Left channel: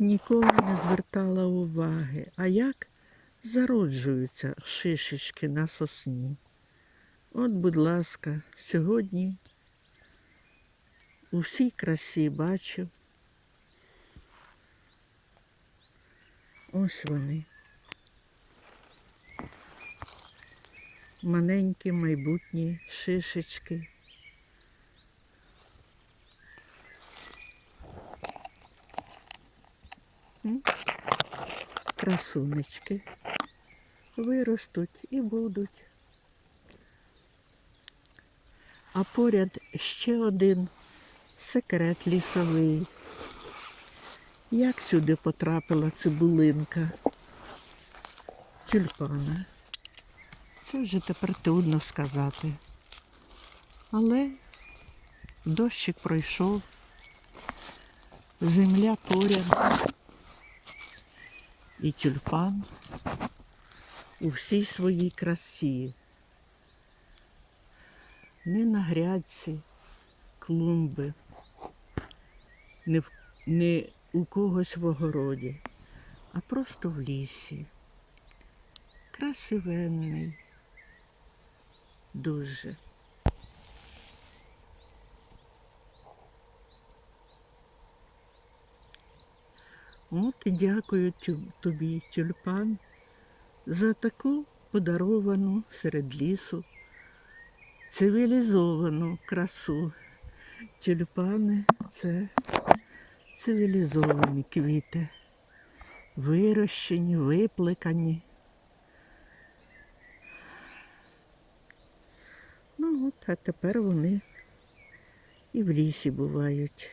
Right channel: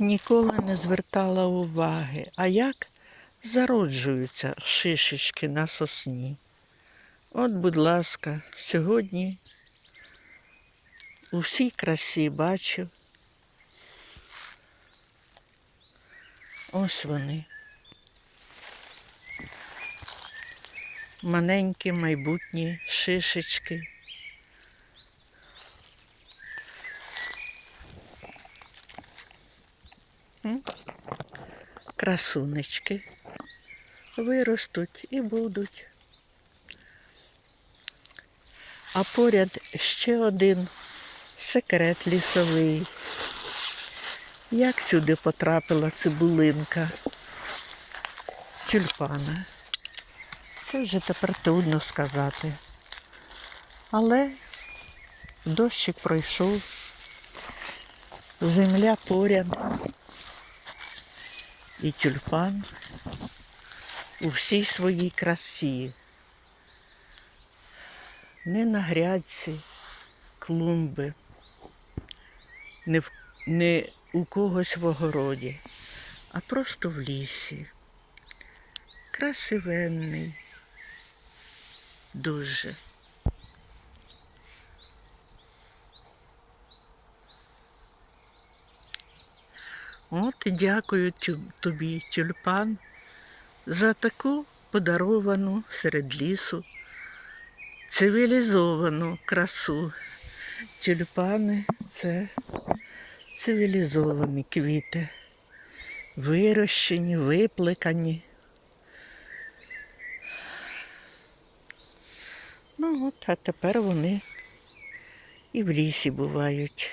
ніколи не звертала уваги, а як зароджуються шишечки на сосні. От, будь ласка, сьогодні у всій красі бачу. Ось вони. Маленькі майбутні шишечки. Красунечки виростуть і будуть. А поряд ще один секрет лісовий. Як сюди потрапила цибулинка тюльпана? Це вже тепер трудно сказати. Але дощик пройшов, земля поряд і тюльпан у всій своїй красі. Не на грядці клумби, не, в, не у когось в огороді, а просто в лісі. Красивенний. Дуже. От і дякую тобі, тюльпан, за таку подаровану серед лісу цивілізовану красу. Тюльпани це цивілізовані квіти, вирощені, виплекані. Ну от, а тепер вони і в лісі бувають.